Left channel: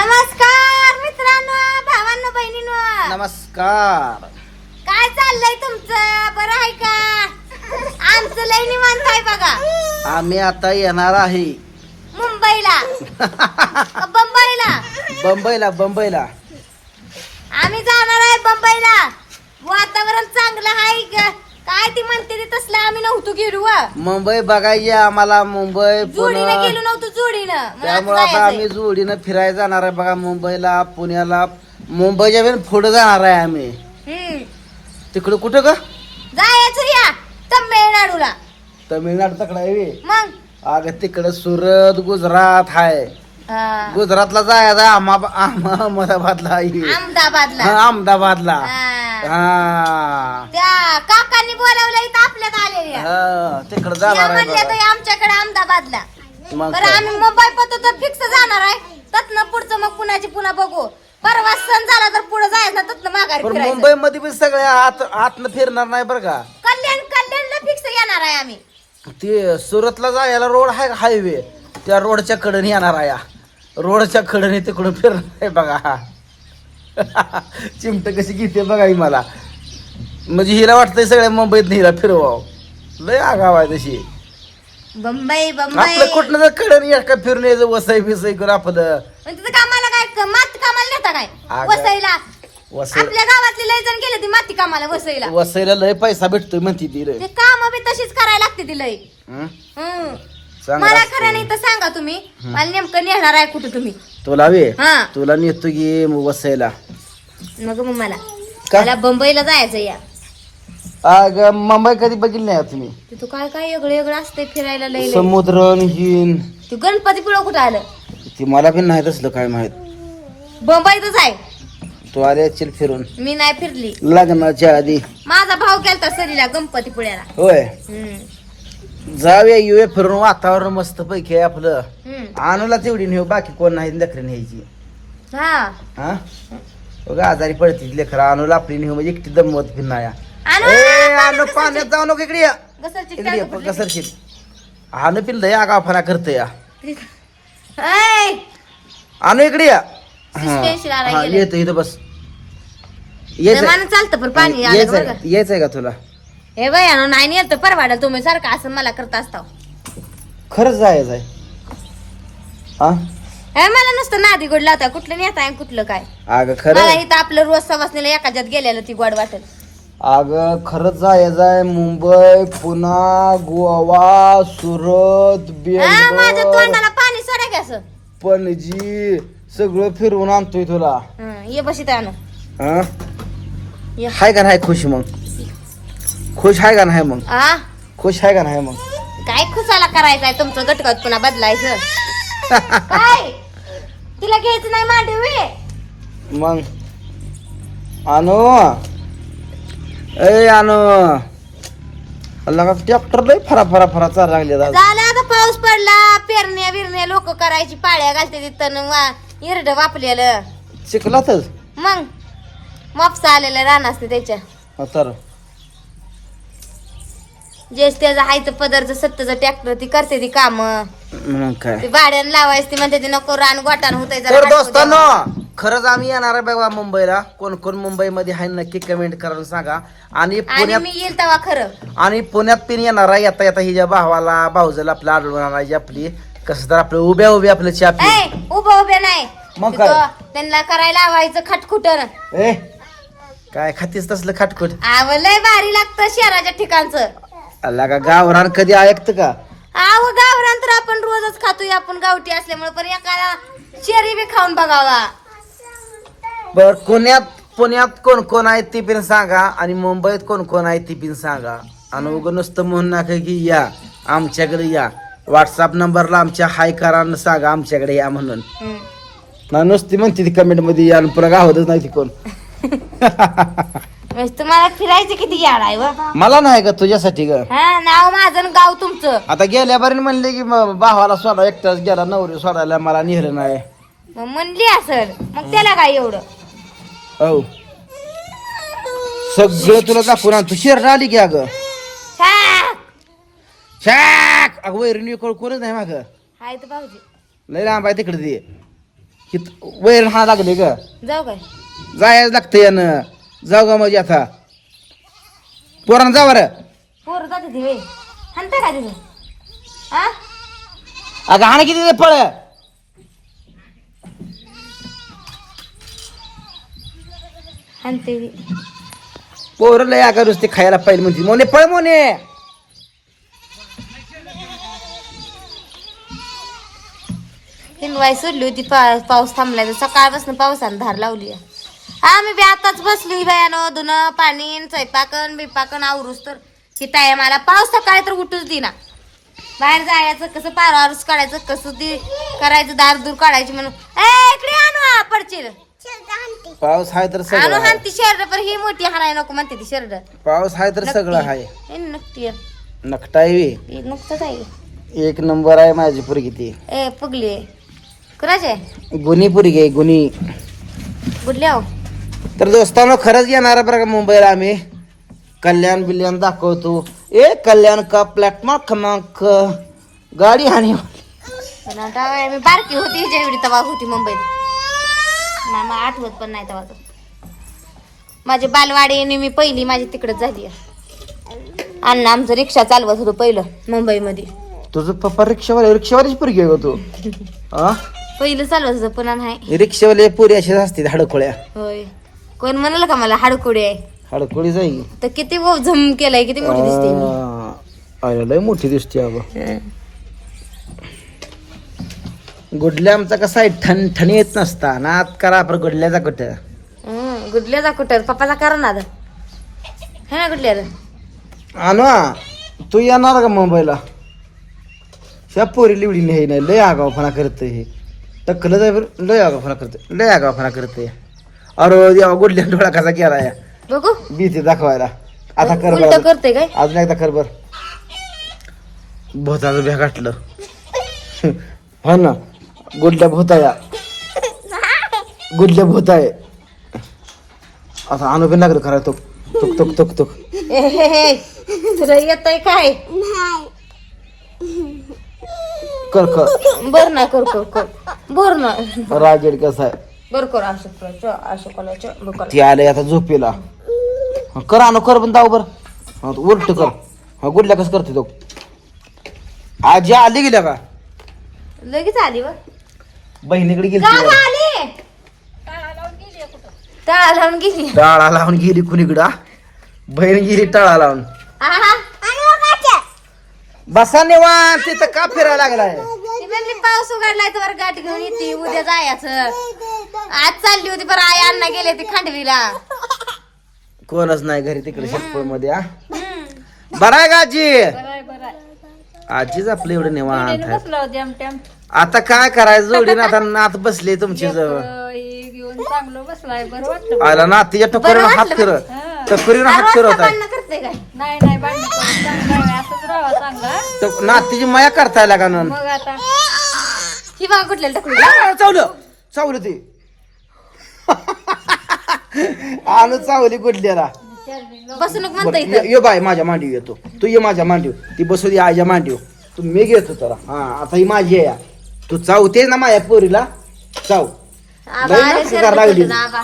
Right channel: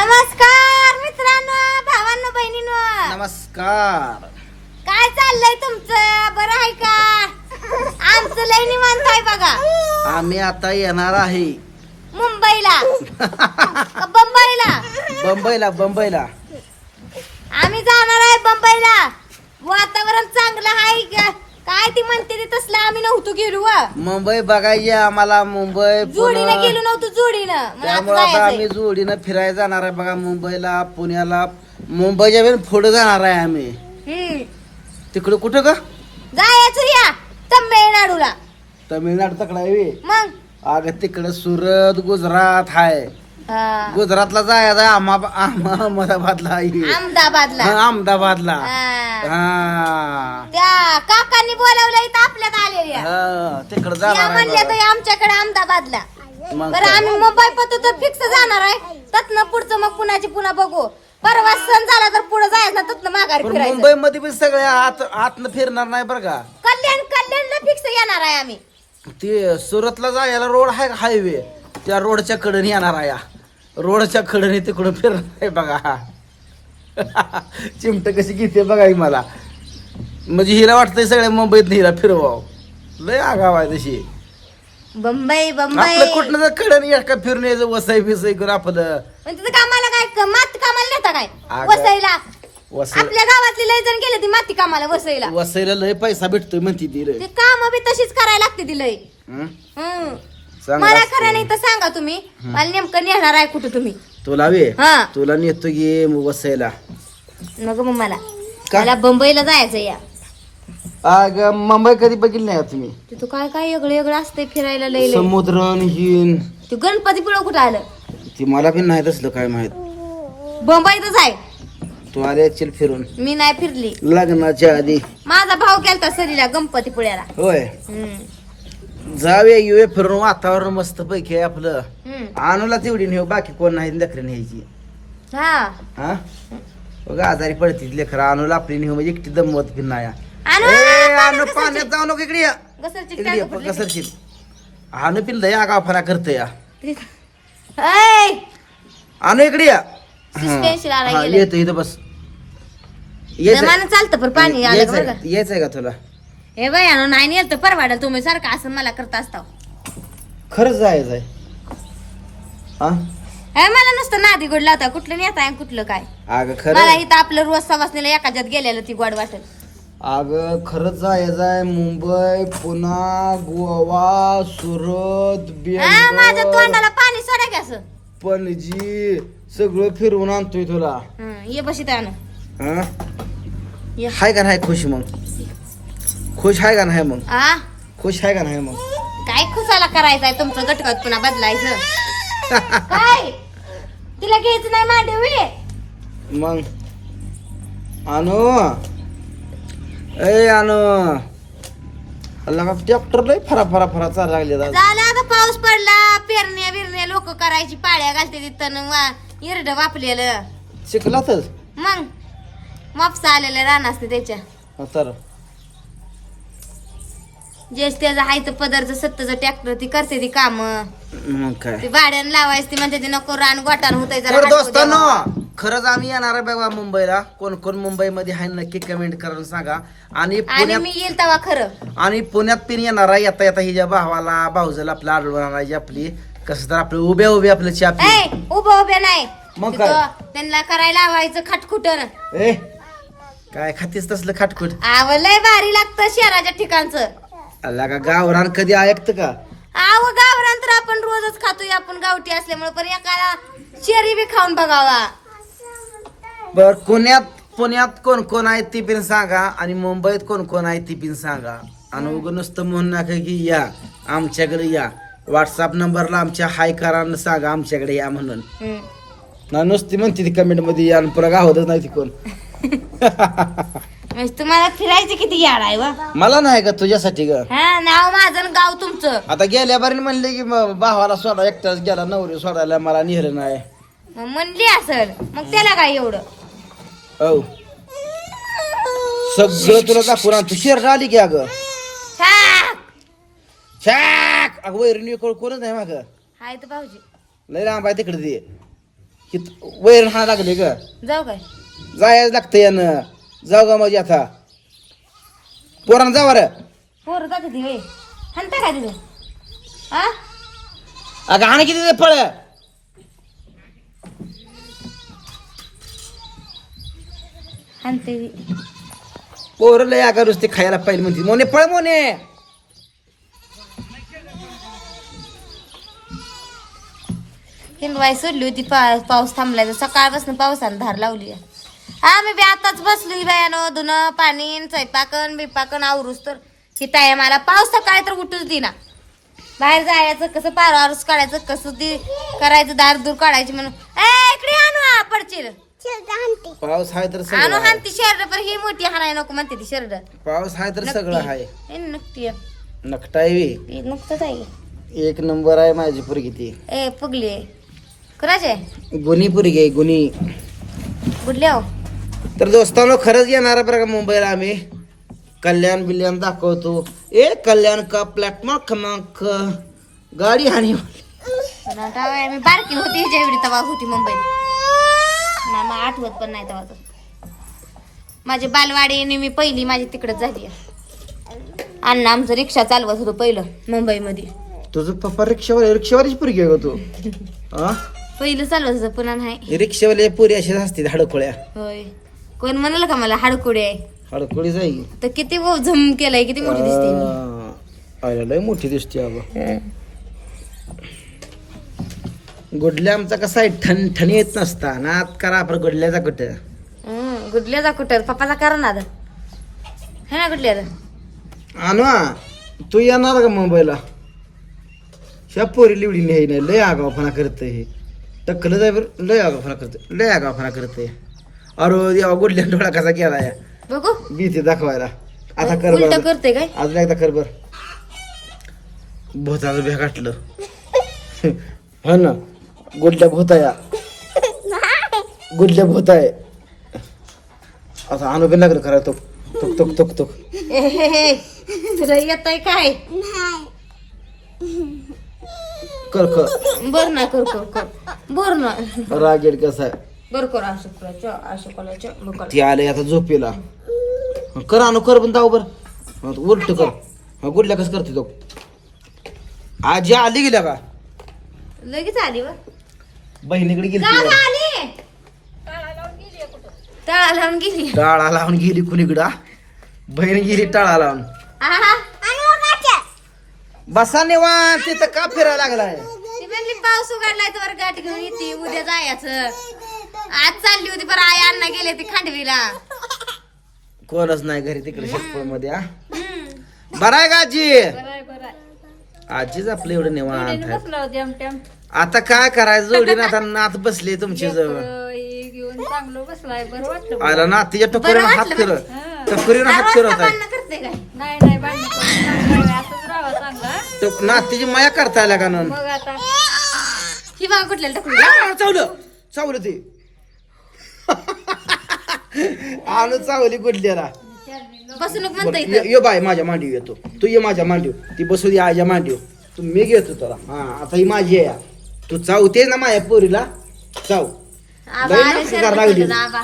नमस्कार मित्रांनो भावांनो बहिणींनो. नमस्कार. काय चाललंय तुमचं? बरं आहे का? आमचं लय निवांत आहे बघा. आम्ही आता येणार आहे. मुंबईला. का बंबईला. बंबईला बंबईला. आम्ही जाणार आहे बंबईला. वातावरण चांगलं आहे का? काय ती म्हणते ते तसलं आम्ही नव्हतो गेलो व. मुंबई बघायची आम्हाला मुंबई जोडीनं पुणे गेलो नव्हतो जोडीनं मग त्यामुळे आता. आम्ही जोडीनं फिरायला जाणार आहे बघा मुंबईला पुण्याला मुंबईच्या पण पुढे जाणार आहे आम्ही हम्म. तिकडं कुठं का जायचं या तमिळनाडूला तमिळनाडू तकडं आहे बे. मग अगं तिकडं सुरत गुजरात आहे हा. गुजरातला जायचं अहमा अहमदाबादला अहमदाबादला. अहमदाबादला. त्या काकांनी बोलावलं इथं आपल्यात आलेल्या. हा तिकडं जाणार आमच्याकडे अहमदाबादला. बरं? आम्ही मुंबई पतो तर फिक्स जाणार आहे. तत्न पुढचं मग पुण्याची पुन्हा बघू. परवा सण झाला तर पुढे जायचं तत्न माघारी. मुंबई मध्ये पण सगळे आत आतनं फिरणार नाही बरं का? कल्याण कल्याणला फिक्स येणार आहे आम्ही. ते सुरतला जायला रोड आहे का हायवे. त्या रोडच्या कडे येणार आहे रोडच्या कडे तिकडून फिरणार आहे बघा. चिमट कशी घेते बघा ही मला. म्हणजे हिला वाटतंय सगळ्या मुंबईत हिला फिरवाव. लय आगाव आहे तशी. बंबई बंबई. आपलं कुठलं तर कडे या का फिरून यायचं वसई बिसई करून आपलं. पण तिथं कामाला काय क- माती कामाला नेता काय? अगं, वसईला. वसई आपल्या गावातली लय जण गेले ती माती कामाला वसईला. वसईला लय पैसा भेटतोय म्हणती ती रे ते काम बी तशीच करायला लागते ती लय. हं? हम्म. चांगलं मला. खरं नाही तर सांगा तुम्ही. मला नेमकं नेणार आहे कुठं तुम्ही? तुला वे हा. तुला नेतो गे वसईला नको मग मला. का? मला बंबईला जायचं या. अग मुंबई कधी बघितली नाही का तुम्ही तिथं काय काय वेगळं वेगळं असतंय फिरायला लय लय. समुद्र हिन ते गणपती पिळं कुठं आलं? ती मला पण नाही तसलं काय माहीत. बंबईतच आहे. तू आले असशील फिरून. मी नाही फिरली. लग्नाच्या आधी. माझा भाऊ गेलता सरीला गणपती पुळ्याला. होय. हम्म. जाऊया येऊया फिरून वातावरण मस्त पैकी आहे आपलं. हम्म. आणूला तेवढी नेऊ बाकी कोण नाही लेकरं न्यायची. हा. हा? बघा आजारी पडतील लेकरं आणूला आपली नेऊ म्हणजे एकटी दमवत आणू, ए पाण्यात आणू कसं पाण्यात जाऊ नको इकडे या. घसरची इकडे टांग ये, आणू पिल्लं या गाफाना करते या. ऐ, आणू इकडे या. Suspension आला हा. येतो इथं बस. यायचं जमानं चालतं पण पाणी आलं यायचंय बघा यायचंय का तुला? हे बाय नाही नेलं तर परवाडल तुम्ही सारखं असं मला करत असता खरंच जायचंय हा हे मला नुसतं नादी गोड लावता कुठलं नेता आहे कुठलं काय? अगं मला खरं इथं आपलं रोज सवासनीला एकाच्यात गेलेलं ती गोड वाटेल. अगं खरंच जायचंय मुंबई पुणा गोवा सुरत हा माझ्या बेंगलोर. तोंडाला पाणी सोडा की असं. पणजी सगळं फिरवून आणतोय तुला. हं, ये बशी आणू. हा ये. हाय का नाही खुश मग? खुश आहे का नाही मग? आ? खुश आहे का नाही मग? काय खुसाला करायचंय तुमचं गटकत पुन्हा बदलायचं? काय? तुला घ्यायचं नाही मांडवी? मग? आणू ए आणू का ट्रॅक्टर लय फरा फरा फरा चालला लागले झालं आता पाऊस पडला पेरण्या बिरण्या लोक करायची पाळ्या घालते तिथं इरड वापलेलं. शिकलातच मग? मापसा आलेलं रान असते त्याच्या. हा जे त्याचं हायचं पदरचं सत्तचं ट्रॅक्टर ती करते ती काम. मग काय? ती भाड्यानं लावायची ती म्हणते ती नको रान गोटान तर दोस्तांनो खरंच आम्ही येणार आहे बघा मुंबईला. कोण कोण मुंबईमध्ये आहे नक्की कमेंट करून सांगा. आणि आणि पुण्यात मी येईल तेव्हा खरं. आणि पुण्यात पिन येणार आहे. येता येता हिच्या भावाला भाऊजला आपल्या आढळून आणायची आपली. कसं तर आपलं उभ्या उभ्या आपलं. ए उभं उभ्या नाही. मग तिथं? त्यांना करायला लावायचं खटखुटर ए काय खातीस तसलं खाटखुट? आव लय भारी लागतं शहराच्या ठिकाणचं. अल्ला का गावरान कधी ऐकतं का? आव गावरान तर आपण रोजच खातोय. आपण गावठी असल्यामुळे पण एकाला शेरी बी खाऊन बघावा. बर पुण्यात पुण्यात कोण कोण आहे ती पण सांगा आणि मुंबईत कोण कोण आहे ती पण सांगा. आणि उगं नुसतं म्हणून नका की या आमच्याकडे या. व्हॉट्सअप नंबरला आमच्या हाय करा आणि सांगा आमच्याकडे या म्हणून. ना नुसती म्हणते ती कमेंटमध्ये या आणि पुन्हा गावतच नाही ती कोण. म्हणजे तुम्हाला फिरायचं किती याड आहे व? मला नाही का तुझ्यासाठी ग? हा नाव माझं आणि गाव तुमचं. आता गेल्या बरी म्हणले की म- भावाला सोडा एकटाच गेला नवरी सोडायला मला नेलं नाही. मग म्हणली असल मग त्याला काय एवढं? हो सगळं तुला दाखवून आणतो. शेर आली की अगं. छाक! शाक अगं वैरणी कोण कोणच नाही माग. हाय तर भाऊजी. लय लांब आहे तिकडे ते. हित वैर हा लागले ग. जाऊ काय? जायच लागतं यानं. जाऊ ग म्हणजे आता. पोरांना जा बरं. पोर जाते ती वे हनता का तिथे? हा अगं हाणे किती ते फळ. हनते ती पोरं लय अगं नुसते खायला पाहिजे म्हणते. मोने पळ मोने. हिंदवाई सोडली होती पा- पाऊस थांबलाय तर सकाळपासून पावसानं धार लावली आहे. हा मी बी आताच बसली बायानं धुणं पाणी स्वयंपाकन बिपाकन आवरूस तर. ही ताय मला पाऊस सकाळी तर उठूच देना बाहेर जायचं कसं पारावरच काढायचं कसं ती करायचं दार दूर काढायची म्हणून. ए इकडे आणू हा, पडशील पाऊस हाय तर आणू सगळं. हान ती शर्ट पण ही मोठी हाणाय नको म्हणते ती शर्ट. पाऊस हाय तर सगळं हाय. हे नक्की नकटाय बी. हे नुकतंच आहे. एक नंबर आहे माझी पोरगी ती. ए पुगली. आहे कुणाची आहे? गुन्ही पोरगी आहे गुन्ही. आहो. तर दोस्तांनो खरंच येणार बरं का मुंबईला आम्ही. कल्याण बिल्याण दाखवतो. ए कल्याण का प्लॅटफॉर्म क्रमांक? गाडी काय मी बारकी होती एवढी तवा होती मुंबईत. मला आठवत पण नाही तवा माझी बालवाडी आणि मी पहिली माझी तिकडच झाली अण्णा आमचं रिक्षा चालवत होतो पहिलं मुंबईमध्ये. तुझं पप्पा रिक्षावाले रिक्षावालीच पोरगी का तू? पहिलं चालवत होतं पुन्हा नाही. रिक्षावाले पुरी अशीच असते हडकोळ्या होय. कोण म्हणाल का मला हाडकुडे? आहे हडकोळी जाईल तर किती वो झम केलाय किती मोठी दिसते मी लय मोठी दिसते अगं. गुडल्या आमचा कसा आहे? ठण ठणी येत नसता. नात करा आपण गुडल्याचा कुठं. हं, गुडल्याचा कुठं? पप्पाचा करा ना आता है ना गुडल्या आणू तू येणार का मुंबईला? ह्या पोरी लिवडी लिहाय नाही. लय आगावपणा करते हे. टक्कल जाय बरं. लय आगावपणा करते लय आगावपणा करते अरे देवा गुडल्या डोळा कसा केला या? बघू. भीती दाखवायला. आता कर उलट बरं. करते काय? अजून एकदा कर बर. भूताचं भ्या गाठलं हा ना. गुडल्या भूताया. गुडल्या भूताय. आता अनुभव लागलं करा तो. तुक तुक तुक तुक. ए, हे, हे. तुला येतय काय? कर कर. बर ना कर कर कर. बर ना. राजेड कसा आहे? बर कर असं करायचं असं करायचं बर कर. ती आले आता झोपेला. हा, कर आणू कर पण दाव बर. हा, उलट कर. हा गुडल्या कसं करते तो? आजी आली गेल्या का? लगेच आली बघ. बहिणीकडे गेली आली. टाळा लावून गेली टाळा लावून गेली. कुणीकडा बहीण गेली टाळा लावून. आहा. बसा निवांत तिथं का फिरायला लागलाय? पाऊस उघडलाय तर गाठ घेऊन येते उद्या जायचं. आज चालली होती बरं आई अण्णा गेले ती खांडवीला. कोणच नाही घरी तिकडे शेतपूरमध्ये हा? बरं आहे का आजी? आजीच आपलं एवढं निवांत. आहे. बसलो जमटम आता काय करायचं? जोडीनं आता नात बसले तुमच्या जवळ. घेऊन चांगलं बसलाय बरं वाटलं आला नातीच्या टोकरीवर बरं हात टोकरीवर हा, हात रोज फिरत का आहे करते काय? नाही नाही भांडण करून चांगलं आहे असंच राहावं चांगला. तो नातीची माया करताय लागा ना मग आता. ही बघा कुठल्या टाकून चावलं. चावलं ते. आलं चावली गुडल्याला बसून म्हणता इथं. ये बाय माझ्या मांडीव येतो. तू ये माझ्या मांडीव ती बसू दे आईच्या मांडीव तू मी घेतो त्याला. हा आता ही माझी आहे. या. तू चावते ना माझ्या पोरीला. चाव. आबा लई आले नाटकं शरबत लागली. होतं ना आबा.